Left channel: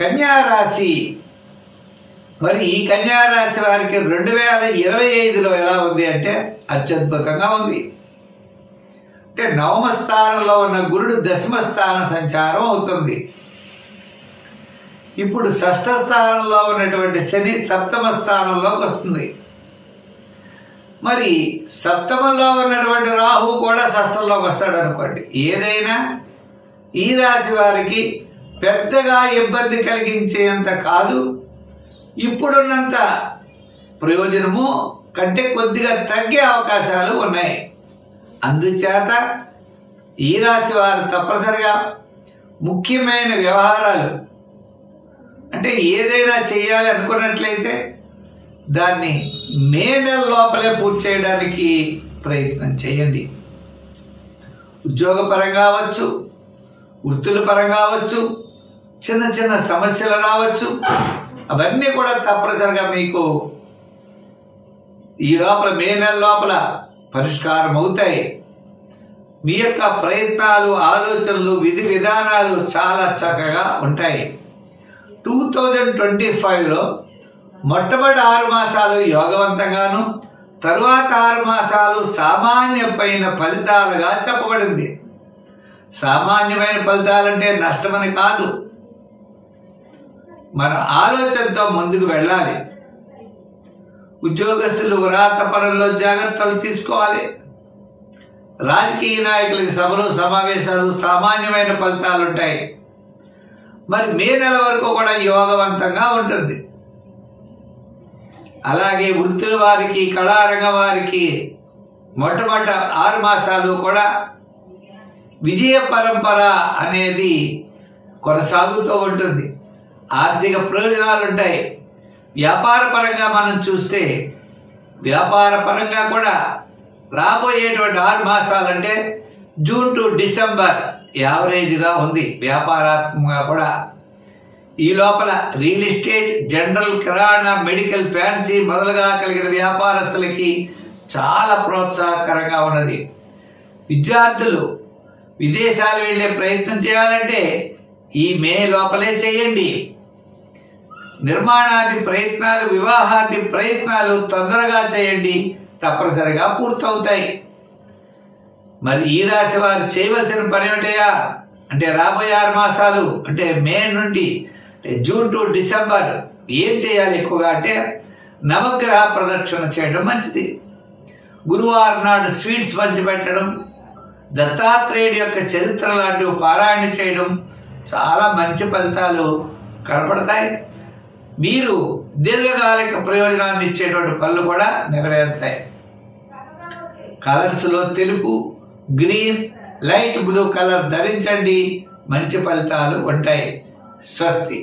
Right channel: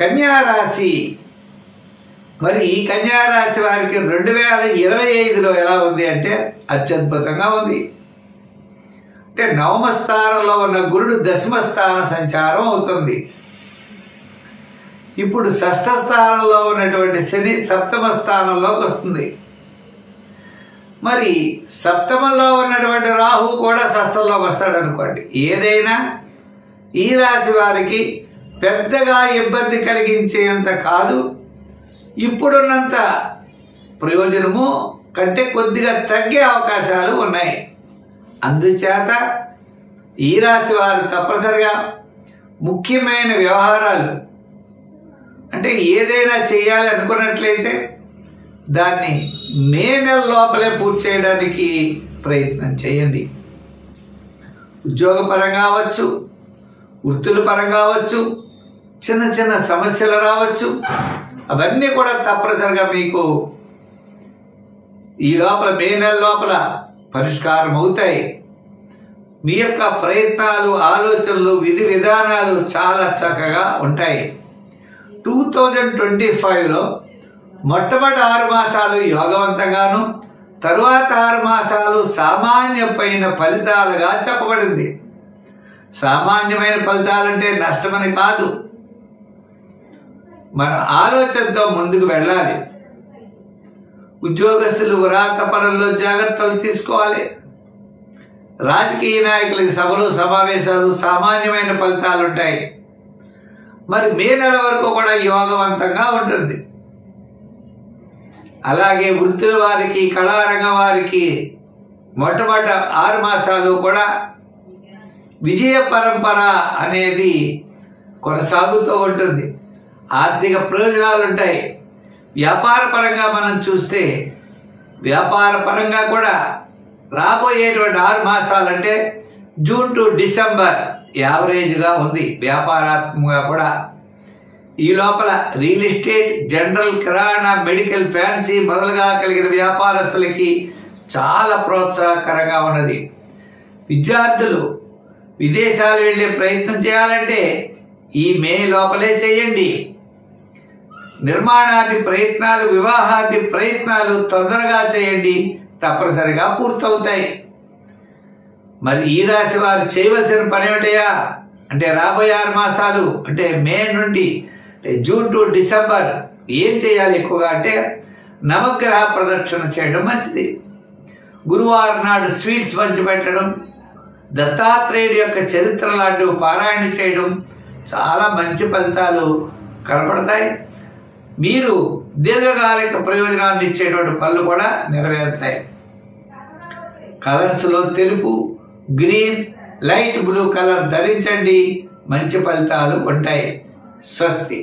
కన్యా రాశి. మరి ఈ కన్యా రాశి వారికి 2025లో ఎలా ఉంది అంటే అత్యద్భుతంగా ఉంది. అంటే నవమ స్థానంలో ఉన్న గురుడు దశమ స్థాన సంచారం అవుతుంది. ఇప్పుడు షష్ఠ స్థానంలో ఉన్నటువంటి శని సప్తమ స్థానంలోకి వస్తుంది. మరి సప్తమంలో ఉన్నటువంటి రాహు కూడా షష్ఠంలోకి వస్తాడు అనుకోండి. ఏదైనా ఈ రాశి వారికి పెద్దగా ఇబ్బంది కలిగించేంత కాదు, ఇప్పుడున్నంత ప్రయోజనము కంటే కొద్దిగా తగ్గే అవకాశాలు ఉన్నాయి. అందుచేత ఈ రాశి వారు తప్పనిసరిగా ముఖ్యమైన వ్యవహారాలు అంటే ఏదైనా చేయాలి అనుకున్నట్లయితే దాన్ని మే నెల లోపలే పూర్తి చేయడానికి ప్రయత్నం చేయండి. ఉద్యోగపరంగా అవచ్చు, వృత్తుల పరంగా అవచ్చు, చిన్న చిన్న సమస్యలు రావచ్చు, అవన్నీ కూడా తప్పనిసరిగా మీకు ఈ లోపల మే నెల లోపల పరిష్కారం అవుతాయి. మీ యొక్క ప్రయత్నాలు, ఆలోచనలు, విధి విధానాలు చాలా చక్కగా ఉంటాయి. 2025లో మొట్టమొదటి 6 మాసాలు యోగవంతంగాను, తరువాత 6 మాసాలు సామాన్యమైన ఫలితాలుగా చెప్పబడింది. సామాన్యమైన ఫలితాలంటే నష్టమని కాదు, మన ఆలోచనతో ముందుకు వెళ్ళాలి. ఉద్యోగస్తులు వ్రాత పనుల్లో జాగ్రత్తలు తీసుకోవాలి. రాజకీయ నాయకులకి సభలు, సమావేశాలు సామాన్యమైన ఫలితాలు ఉంటాయి. మరి మే నెల వరకు కూడా యోగవంతంగా ఉంటుంది. అలాగే వృత్తుల వారికి, కళారంగ వారికి మొట్టమొదటి 6 మాసాలు కూడా విజయ పరంపర అనేది కొనసాగుతూ ఉంటుంది. ఆర్థిక ప్రయోజనాలు ఉంటాయి. వ్యాపార పరంగా మనం చూస్తే వ్యాపార పరంగా కూడా రాబోయేటువంటి 6 మాసాలంటే జూన్ టు డిసెంబర్ యావరేజ్గా ఉంది. వ్యాపారాత్మకంగా కూడా ఈ లోపల రియల్ ఎస్టేట్, జనరల్, కిరాణా, మెడికల్, ఫ్యాన్సీ మొదలుగా కలిగిన వ్యాపారస్తులకి చాలా ప్రోత్సాహకరంగా ఉన్నది. విద్యార్థులు విదేశాలు వెళ్ళే ప్రయత్నం చేయాలంటే ఈ మే లోపలే చేయండి. నిర్మాణాది ప్రయత్నాలు, వివాహాది ప్రయత్నాలు తొందరగా చేయండి, తప్పనిసరిగా పూర్తవుతాయి. మరి ఈ రాశి వారు చేయవలసిన పని ఏమిటయా అంటే రాబోయే 6 మాసాలు అంటే మే నుండి జూన్ టు డిసెంబర్ ఏం చేయాలి ఎక్కువగా అంటే నవగ్రహ ప్రదక్షిణ చేయడం మంచిది. గురువారం నాడు స్వీట్స్ పంచిపెట్టడం, దత్తాత్రేయుడి యొక్క చరిత్ర లాంటివి పారాయణ చేయడం చాలా మంచి ఫలితాలు కనపడతాయి. మీరు దీర్ఘకాలిక ప్రయోజనాన్ని ఇచ్చేటువంటి పనులు కూడా నెరవేరుతాయి. కలర్స్లో తెలుపు, గ్రీన్, లైట్ బ్లూ కలర్ ధరించండి, మంచి ఫలితాలు ఉంటాయి. స్వస్తి.